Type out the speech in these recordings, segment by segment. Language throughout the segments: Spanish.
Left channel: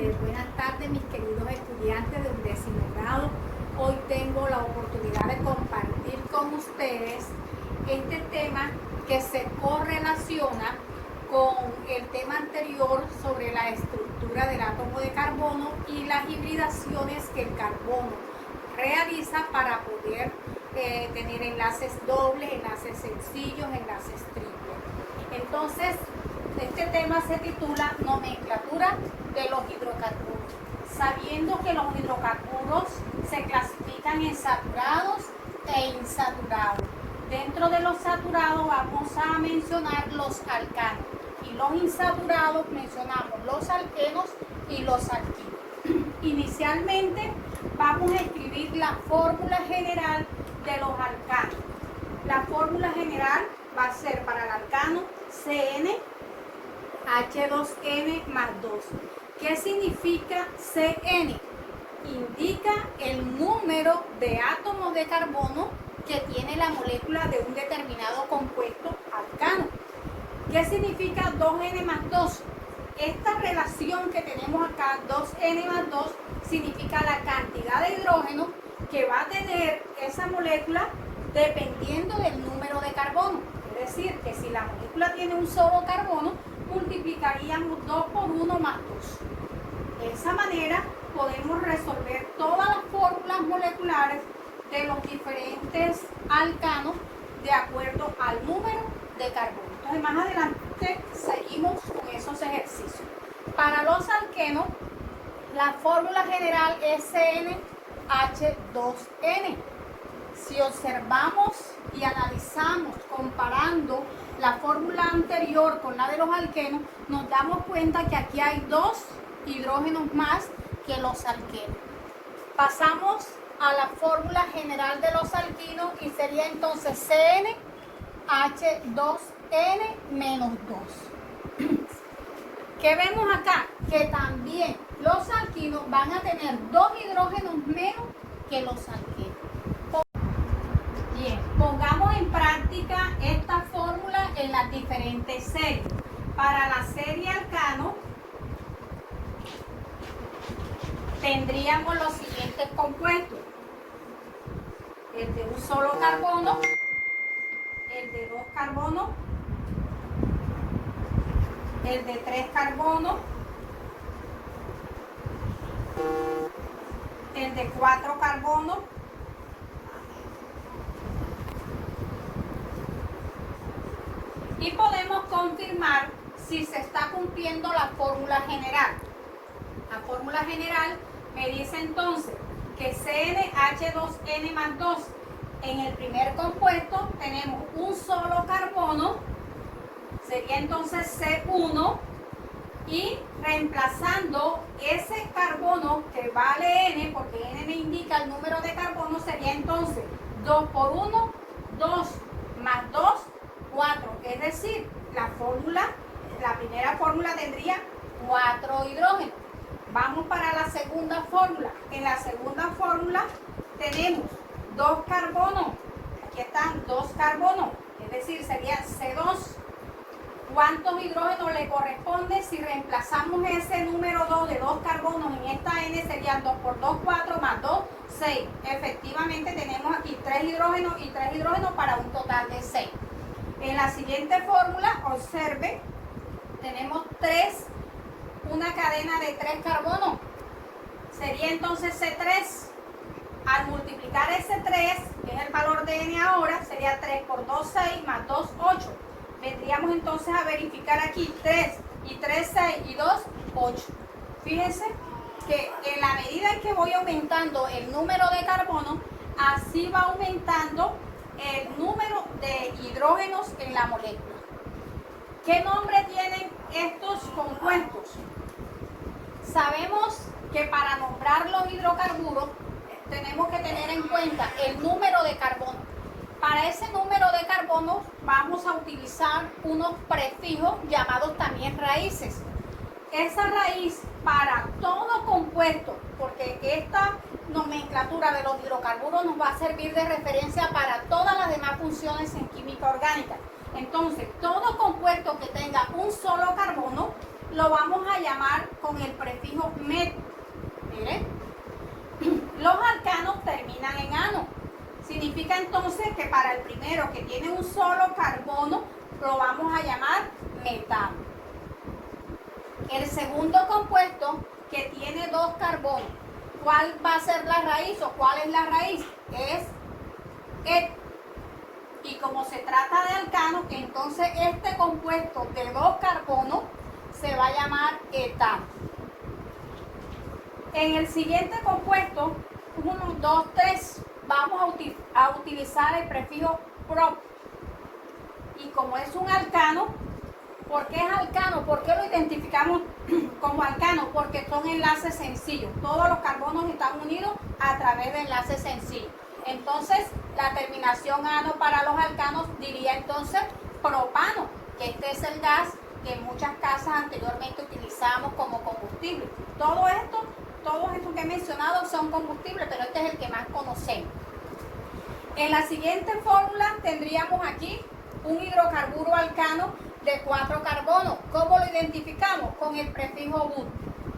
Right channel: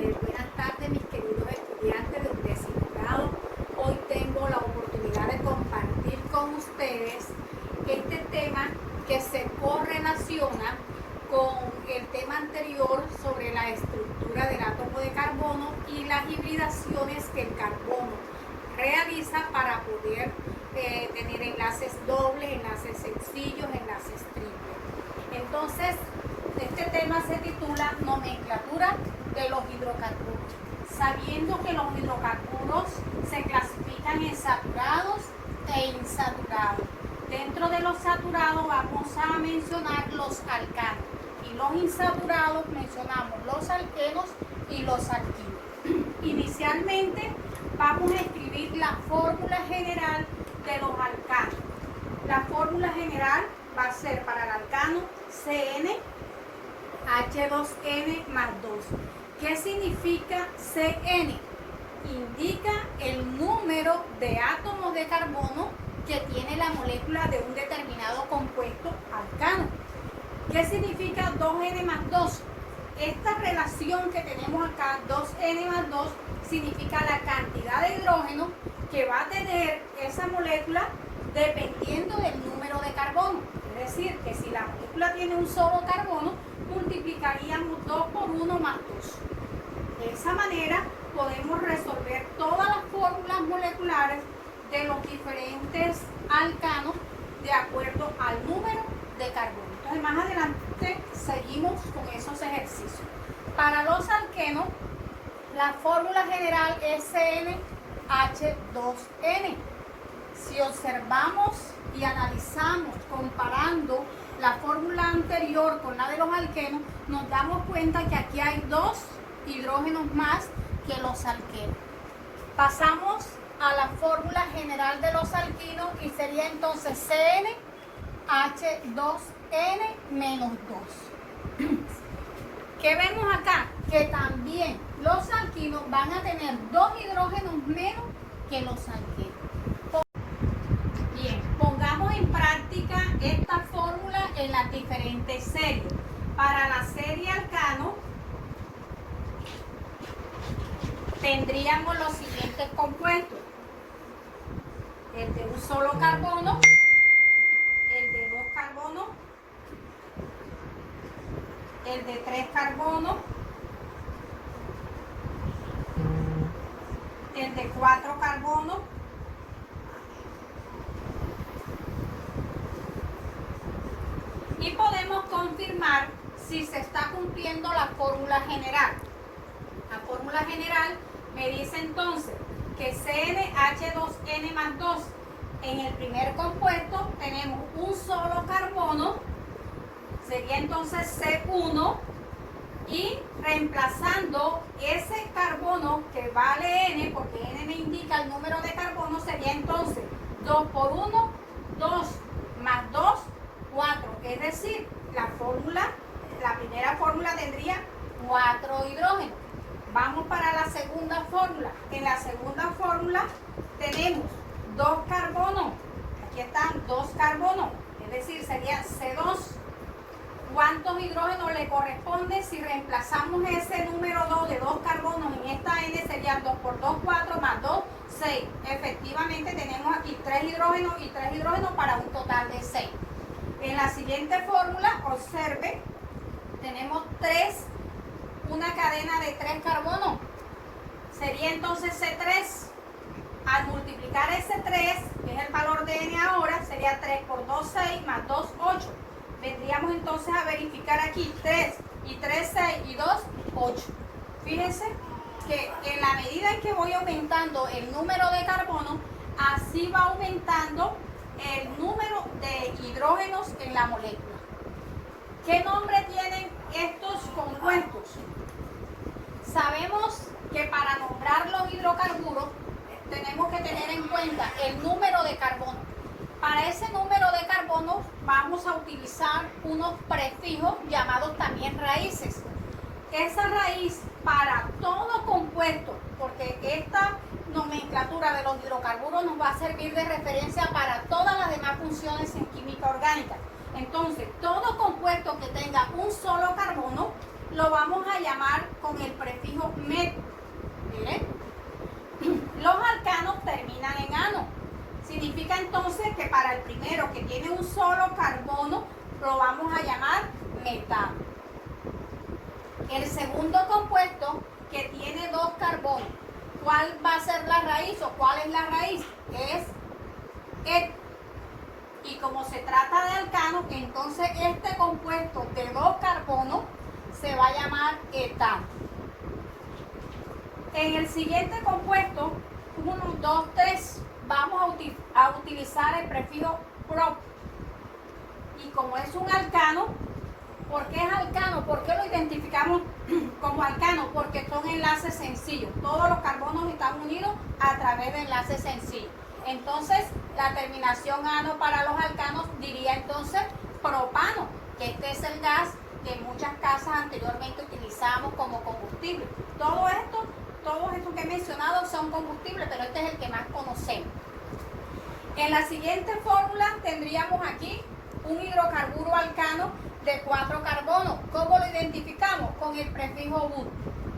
Buenas tardes, mis queridos estudiantes de 11º grado. Hoy tengo la oportunidad de compartir con ustedes este tema que se correlaciona con el tema anterior sobre la estructura del átomo de carbono y las hibridaciones que el carbono realiza para poder tener enlaces dobles, enlaces sencillos, enlaces triples. Entonces, este tema se titula Nomenclatura de los hidrocarburos. Sabiendo que los hidrocarburos se clasifican en saturados e insaturados. Dentro de los saturados vamos a mencionar los alcanos y los insaturados mencionamos los alquenos y los alquinos. Inicialmente vamos a escribir la fórmula general de los alcanos. La fórmula general va a ser para el alcano CN H2N más 2. ¿Qué significa CN? Indica el número de átomos de carbono que tiene la molécula de un determinado compuesto alcano. ¿Qué significa 2N más 2? Esta relación que tenemos acá, 2N más 2, significa la cantidad de hidrógeno que va a tener esa molécula dependiendo del número de carbono. Es decir, que si la molécula tiene un solo carbono, multiplicaríamos 2 por 1 más 2. De esa manera podemos resolver todas las fórmulas moleculares de los diferentes alcanos de acuerdo al número de carbono. Entonces más adelante seguimos con esos ejercicios. Para los alquenos, la fórmula general es CnH2n. Si observamos y analizamos comparando la fórmula anterior con la de los alquenos, nos damos cuenta que aquí hay 2 hidrógenos más que los alquenos. Pasamos a la fórmula general de los alquinos y sería entonces CnH2n menos 2. ¿Qué vemos acá? Que también los alquinos van a tener 2 hidrógenos menos que los alquenos. Bien, pongamos en práctica esta fórmula en las diferentes series. Para la serie alcano tendríamos los siguientes compuestos: el de un solo carbono, el de 2 carbonos, el de 3 carbonos, el de 4 carbonos, y podemos confirmar si se está cumpliendo la fórmula general. La fórmula general me dice entonces que CnH2n más 2, en el primer compuesto tenemos un solo carbono, sería entonces C1, y reemplazando ese carbono que vale N, porque N me indica el número de carbono, sería entonces 2 por 1, 2 más 2, 4. Es decir, la primera fórmula tendría 4 hidrógenos. Vamos para la segunda fórmula. En la segunda fórmula tenemos 2 carbonos. Aquí están 2 carbonos, es decir, sería C2. ¿Cuántos hidrógenos le corresponde si reemplazamos ese número 2 de 2 carbonos en esta N? Serían 2 por 2, 4 más 2, 6. Efectivamente tenemos aquí 3 hidrógenos y 3 hidrógenos para un total de 6. En la siguiente fórmula, observe, tenemos una cadena de 3 carbonos. Sería entonces C3. Al multiplicar ese 3, que es el valor de N ahora, sería 3 por 2, 6 más 2, 8. Vendríamos entonces a verificar aquí 3 y 3, 6 y 2, 8. Fíjense que en la medida en que voy aumentando el número de carbono, así va aumentando el número de hidrógenos en la molécula. ¿Qué nombre tienen estos compuestos? Sabemos que para nombrar los hidrocarburos tenemos que tener en cuenta el número de carbono. Para ese número de carbono vamos a utilizar unos prefijos llamados también raíces. Esa raíz para todo compuesto, porque esta nomenclatura de los hidrocarburos nos va a servir de referencia para todas las demás funciones en química orgánica. Entonces, todo compuesto que tenga un solo carbono lo vamos a llamar con con el prefijo met. Miren, los alcanos terminan en ano. Significa entonces que para el primero que tiene un solo carbono, lo vamos a llamar metano. El segundo compuesto que tiene dos carbonos, ¿cuál va a ser la raíz o cuál es la raíz? Es et. Y como se trata de alcano, entonces este compuesto de dos carbonos se va a llamar etano. En el siguiente compuesto, 1, 2, 3, vamos a utilizar el prefijo prop. Y como es un alcano, ¿por qué es alcano? ¿Por qué lo identificamos como alcano? Porque son enlaces sencillos. Todos los carbonos están unidos a través de enlaces sencillos. Entonces, la terminación ano para los alcanos diría entonces propano, que este es el gas que en muchas casas anteriormente utilizamos como combustible. Todos estos que he mencionado son combustibles, pero este es el que más conocemos. En la siguiente fórmula tendríamos aquí un hidrocarburo alcano de 4 carbonos. ¿Cómo lo identificamos? Con el prefijo but.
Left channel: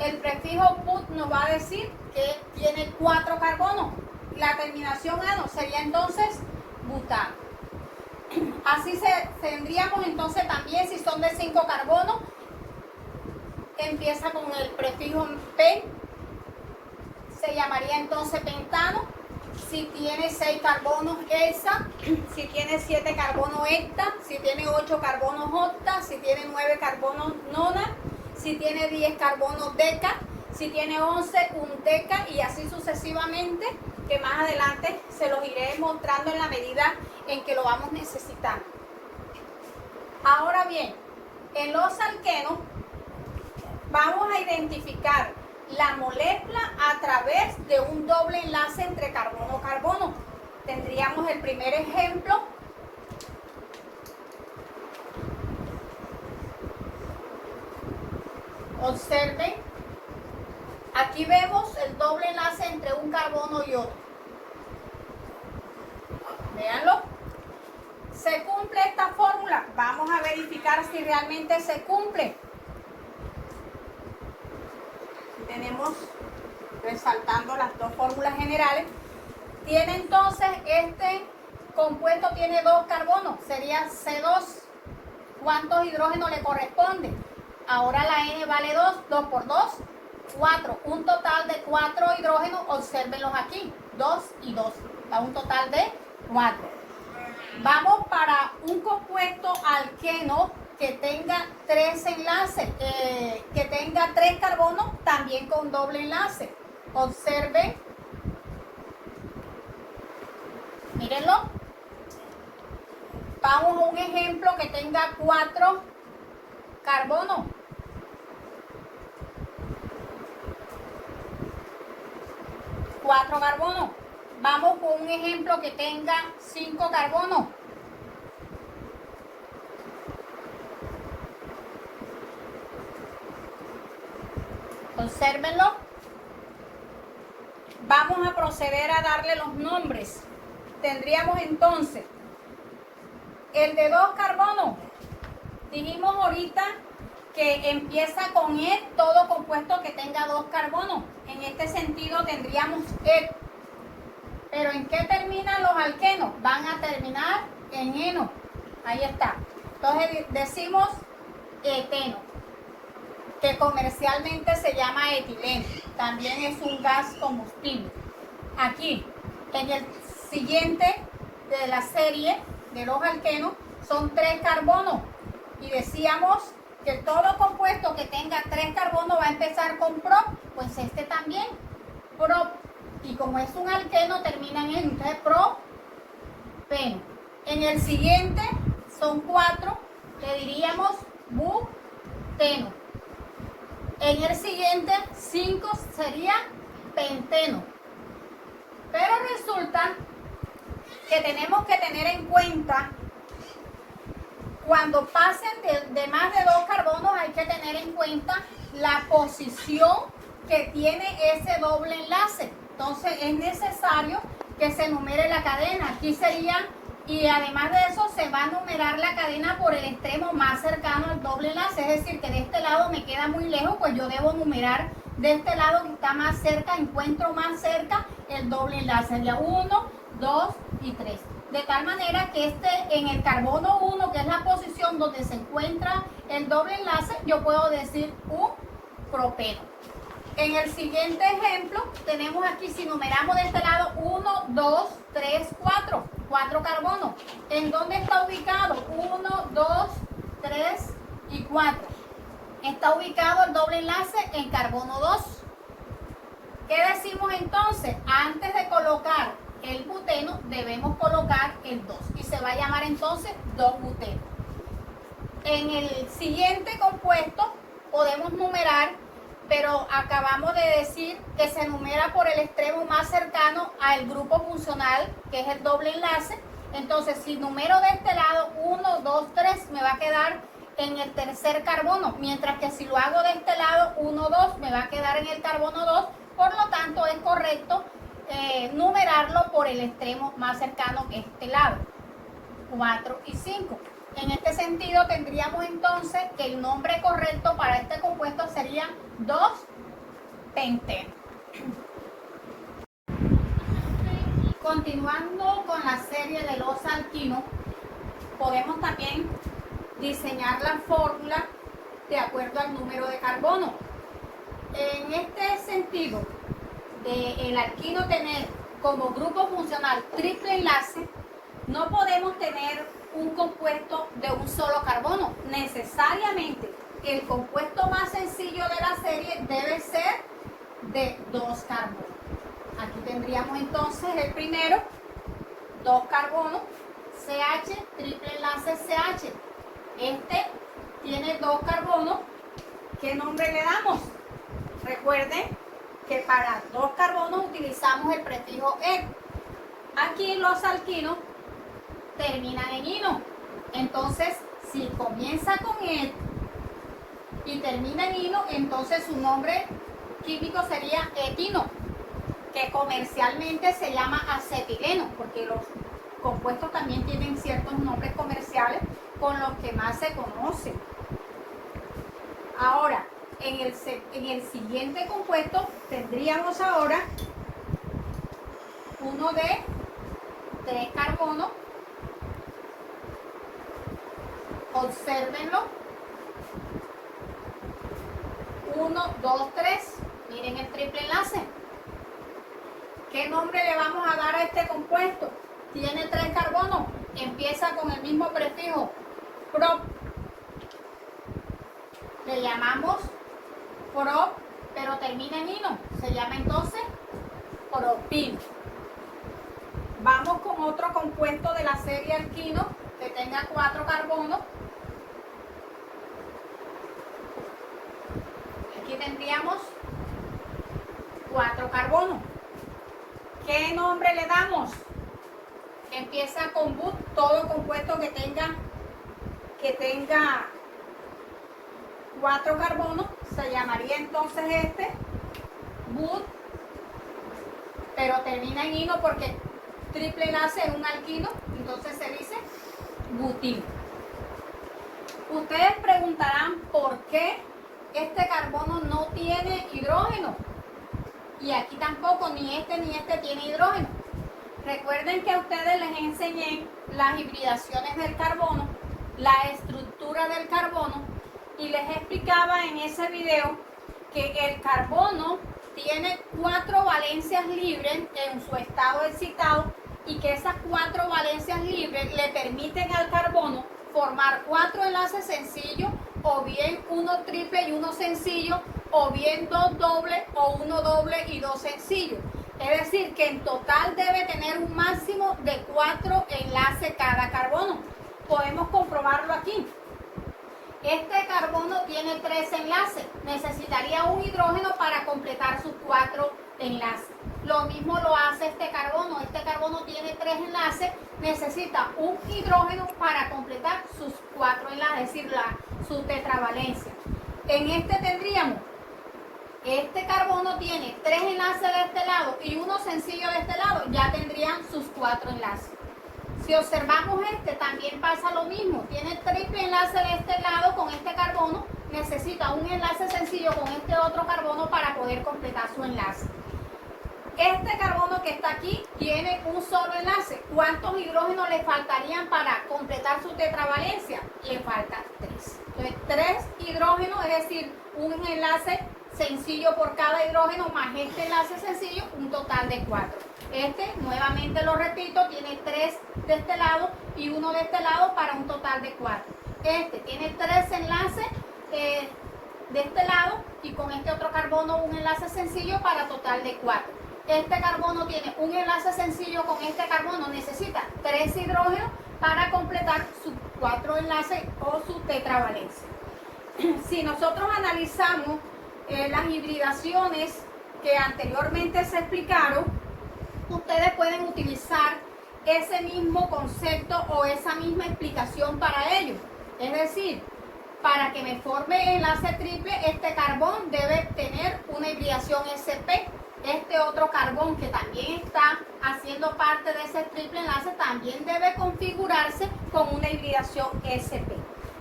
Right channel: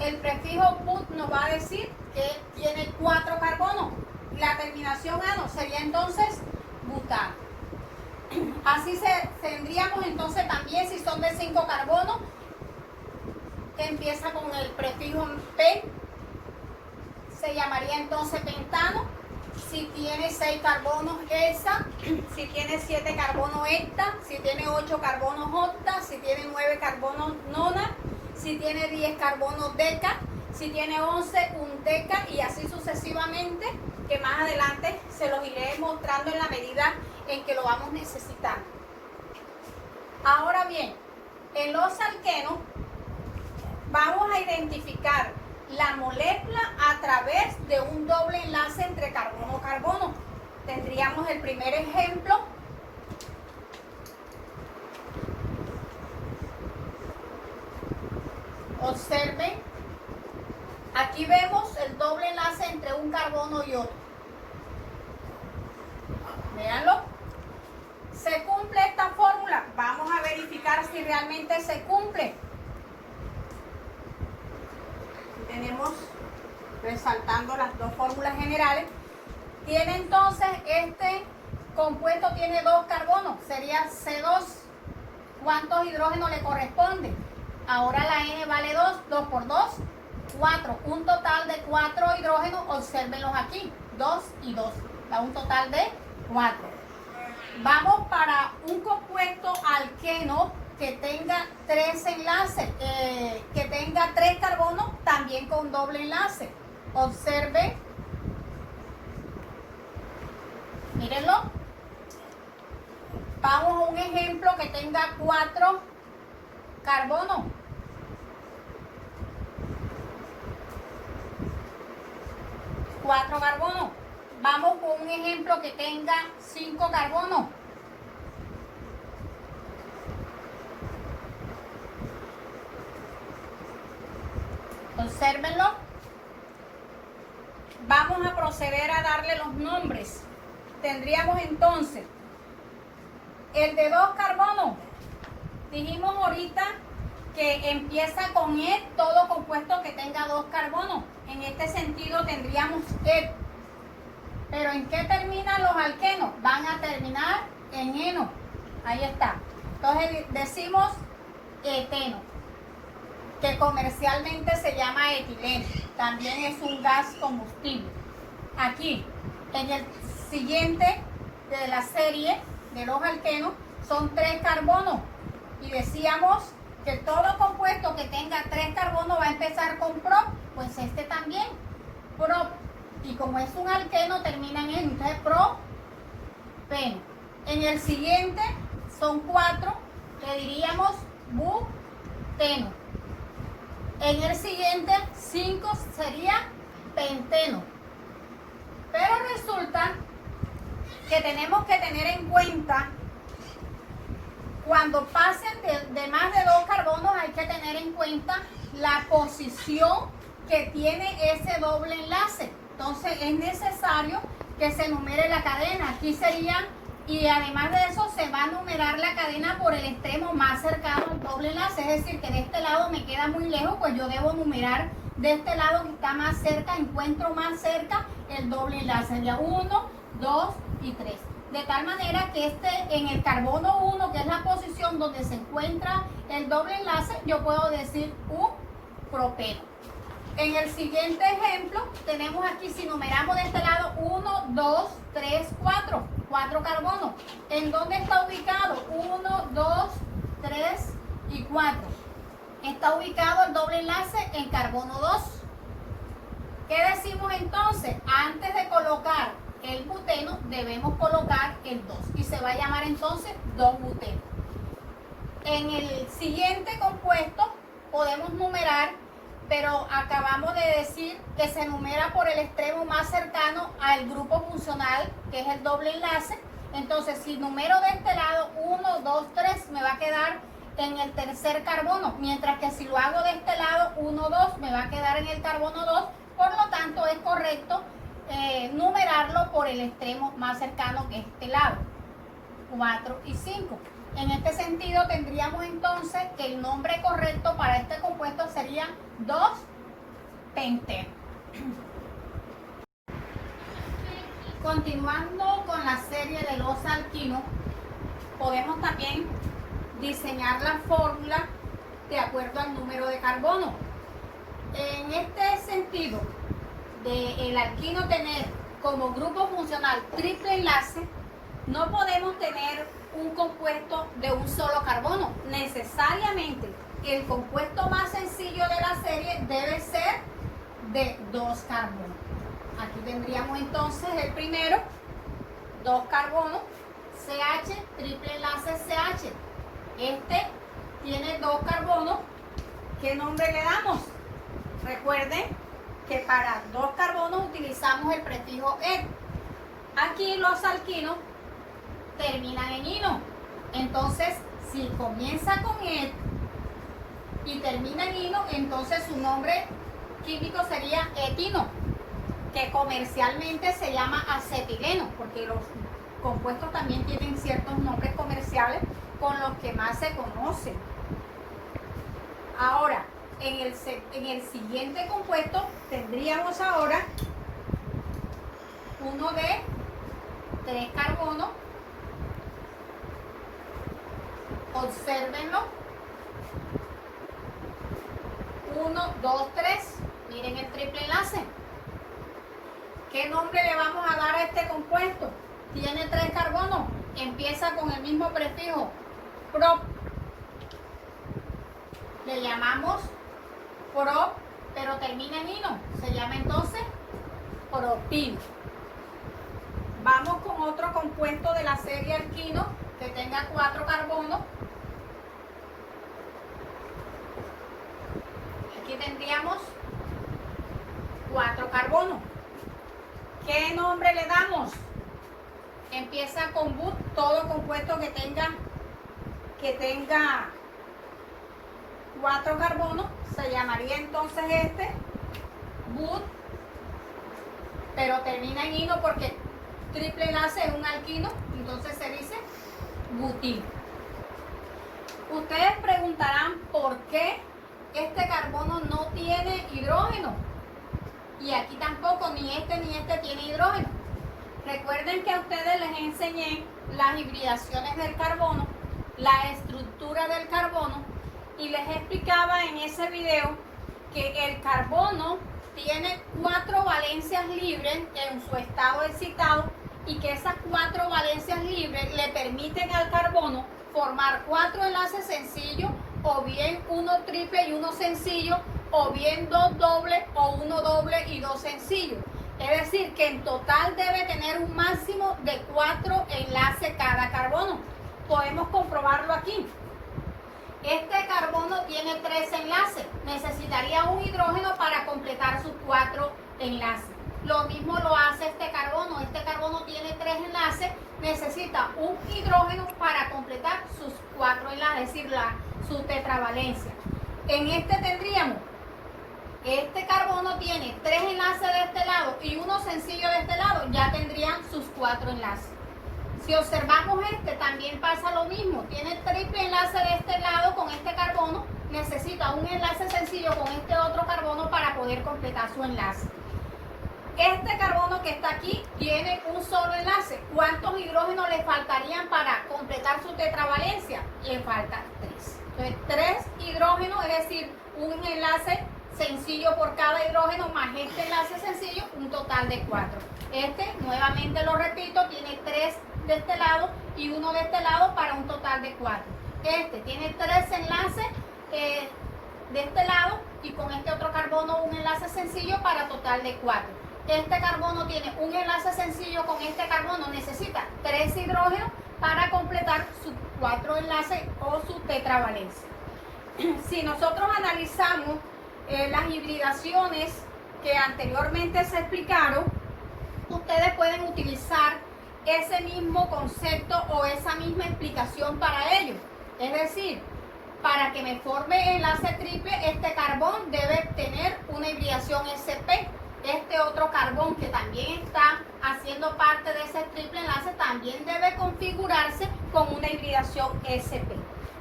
El prefijo but nos va a decir que tiene 4 carbonos. La terminación ano sería entonces butano. Así tendríamos entonces también, si son de 5 carbonos, empieza con el prefijo p, se llamaría entonces pentano. Si tiene 6 carbonos, hexa. Si tiene 7 carbonos, hecta. Si tiene 8 carbonos, octa. Si tiene 9 carbonos, nona. Si tiene 10 carbonos, deca. Si tiene 11, un deca. Y así sucesivamente, que más adelante se los iré mostrando en la medida en que lo vamos necesitando. Ahora bien, en los alquenos vamos a identificar la molécula a través de un doble enlace entre carbono-carbono. Tendríamos el primer ejemplo. Observen, aquí vemos el doble enlace entre un carbono y otro. Véanlo. ¿Se cumple esta fórmula? Vamos a verificar si realmente se cumple. Tenemos resaltando las dos fórmulas generales. Tiene entonces este compuesto tiene 2 carbonos, sería C2. ¿Cuántos hidrógenos le corresponden? Ahora la N vale 2, 2 por 2, 4. Un total de 4 hidrógenos, obsérvenlos aquí, 2 y 2, da un total de 4. Vamos para un compuesto alqueno que tenga 3 enlaces, que tenga 3 carbonos, también con doble enlace. Observen, mírenlo. Vamos a un ejemplo que tenga 4 carbonos. Vamos con un ejemplo que tenga 5 carbonos. Obsérvenlo. Vamos a proceder a darle los nombres. Tendríamos entonces el de 2 carbonos. Dijimos ahorita que empieza con E todo compuesto que tenga 2 carbonos. En este sentido tendríamos E. Pero ¿en qué terminan los alquenos? Van a terminar en eno. Ahí está. Entonces decimos eteno, que comercialmente se llama etileno. También es un gas combustible. Aquí, en el siguiente de la serie de los alquenos, son 3 carbonos. Y decíamos que todo compuesto que tenga 3 carbonos va a empezar con prop. Pues este también, prop. Y como es un alqueno, termina en eno. Entonces, propeno. En el siguiente son 4, que diríamos buteno. En el siguiente, 5 sería penteno. Pero resulta que tenemos que tener en cuenta, cuando pasen de más de 2 carbonos, hay que tener en cuenta la posición que tiene ese doble enlace. Entonces es necesario que se numere la cadena. Aquí serían Y además de eso se va a numerar la cadena por el extremo más cercano al doble enlace, es decir, que de este lado me queda muy lejos, pues yo debo numerar de este lado que está más cerca, encuentro más cerca el doble enlace, sería 1, 2 y 3. De tal manera que en el carbono 1, que es la posición donde se encuentra el doble enlace, yo puedo decir un propeno. En el siguiente ejemplo, tenemos aquí, si numeramos de este lado, 1, 2, 3, 4. 4 carbonos. ¿En dónde está ubicado? 1, 2, 3 y 4. Está ubicado el doble enlace en carbono 2. ¿Qué decimos entonces? Antes de colocar el buteno, debemos colocar el 2. Y se va a llamar entonces 2-buteno. En el siguiente compuesto podemos numerar, pero acabamos de decir que se numera por el extremo más cercano al grupo funcional, que es el doble enlace. Entonces, si numero de este lado 1, 2, 3, me va a quedar en el tercer carbono, mientras que si lo hago de este lado 1, 2, me va a quedar en el carbono 2. Por lo tanto, es correcto numerarlo por el extremo más cercano, que es este lado, 4 y 5. En este sentido, tendríamos entonces que el nombre correcto para este compuesto sería 2-penteno. Continuando con la serie de los alquinos, podemos también diseñar la fórmula de acuerdo al número de carbono. En este sentido, el alquino tener como grupo funcional triple enlace, no podemos tener un compuesto de un solo carbono. Necesariamente el compuesto más sencillo de la serie debe ser de 2 carbonos. Aquí tendríamos entonces el primero, 2 carbonos, CH, triple enlace CH. Este tiene 2 carbonos. ¿Qué nombre le damos? Recuerden que para 2 carbonos utilizamos el prefijo "-e". Aquí los alquinos terminan en ino. Entonces, si comienza con "-e" y termina en ino, entonces su nombre químico sería etino, que comercialmente se llama acetileno, porque los compuestos también tienen ciertos nombres comerciales con los que más se conocen. Ahora, en el siguiente compuesto tendríamos ahora uno de 3 carbonos. Obsérvenlo. 1, 2, 3. Miren el triple enlace. ¿Qué nombre le vamos a dar a este compuesto? Tiene 3 carbonos. Empieza con el mismo prefijo, prop. Le llamamos prop, pero termina en ino. Se llama entonces propil. Vamos con otro compuesto de la serie alquino que tenga 4 carbonos. Aquí tendríamos 4 carbonos. ¿Qué nombre le damos? Empieza con but. Todo compuesto que tenga 4 carbonos se llamaría entonces este but, pero termina en ino porque triple enlace es un alquino, entonces se dice butil. Ustedes preguntarán por qué este carbono no tiene hidrógeno y aquí tampoco ni este tiene hidrógeno. Recuerden que a ustedes les enseñé las hibridaciones del carbono, la estructura del carbono, y les explicaba en ese video que el carbono tiene 4 valencias libres en su estado excitado y que esas 4 valencias libres le permiten al carbono formar 4 enlaces sencillos, o bien 1 triple y 1 sencillo, o bien 2 dobles o 1 doble y 2 sencillos. Es decir, que en total debe tener un máximo de 4 enlaces cada carbono. Podemos comprobarlo aquí. Este carbono tiene 3 enlaces. Necesitaría un hidrógeno para completar sus 4 enlaces. Lo mismo lo hace este carbono. Este carbono tiene 3 enlaces. Necesita un hidrógeno para completar sus 4 enlaces, es decir, su tetravalencia. En este tendríamos, este carbono tiene 3 enlaces de este lado y 1 sencillo de este lado. Ya tendrían sus 4 enlaces. Si observamos este, también pasa lo mismo. Tiene triple enlace de este lado con este carbono. Necesita un enlace sencillo con este otro carbono para poder completar su enlace. Este carbono que está aquí tiene un solo enlace. ¿Cuántos hidrógenos le faltarían para completar su tetravalencia? Le faltan 3. Entonces, 3 hidrógenos, es decir, un enlace sencillo por cada hidrógeno más este enlace sencillo, un total de 4. Este, nuevamente lo repito, tiene 3 de este lado y 1 de este lado para un total de 4. Este tiene 3 enlaces de este lado y con este otro carbono un enlace sencillo para total de 4. Este carbono tiene un enlace sencillo con este carbono, necesita 3 hidrógenos para completar sus 4 enlaces o su tetravalencia. Si nosotros analizamos las hibridaciones que anteriormente se explicaron, ustedes pueden utilizar ese mismo concepto o esa misma explicación para ello. Es decir, para que me forme enlace triple, este carbón debe tener una hibridación sp. Este otro carbón que también está haciendo parte de ese triple enlace también debe configurarse con una hibridación sp.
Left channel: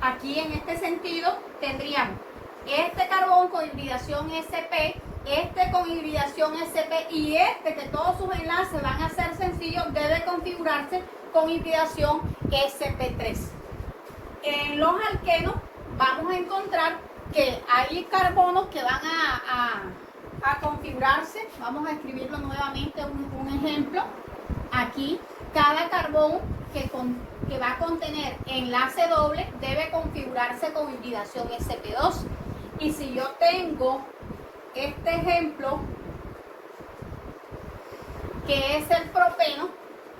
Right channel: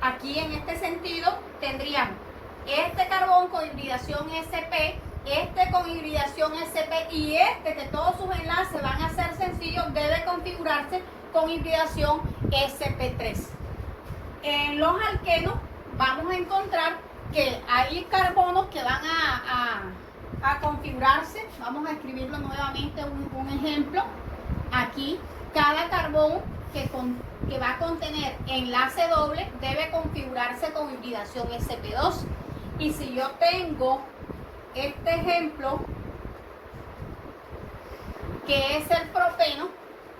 Aquí en este sentido tendríamos este carbón con hibridación sp, este con hibridación sp y este que todos sus enlaces van a ser sencillos debe configurarse con hibridación sp3. En los alquenos vamos a encontrar que hay carbonos que van a configurarse. Vamos a escribirlo nuevamente, un ejemplo. Aquí, cada carbón que va a contener enlace doble debe configurarse con hibridación sp2. Y si yo tengo este ejemplo, que es el propeno,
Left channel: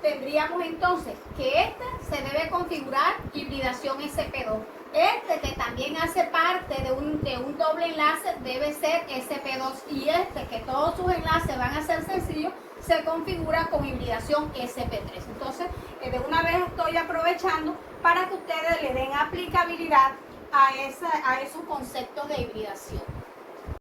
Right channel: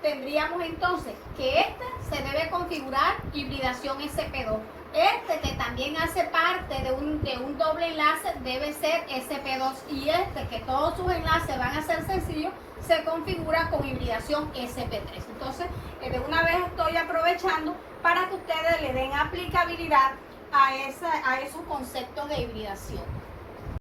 tendríamos entonces que este se debe configurar hibridación sp2. Este que también hace parte de un doble enlace debe ser sp2 y este que todos sus enlaces van a ser sencillos se configura con hibridación sp3. Entonces, de una vez estoy aprovechando para que ustedes le den aplicabilidad a esos conceptos de hibridación.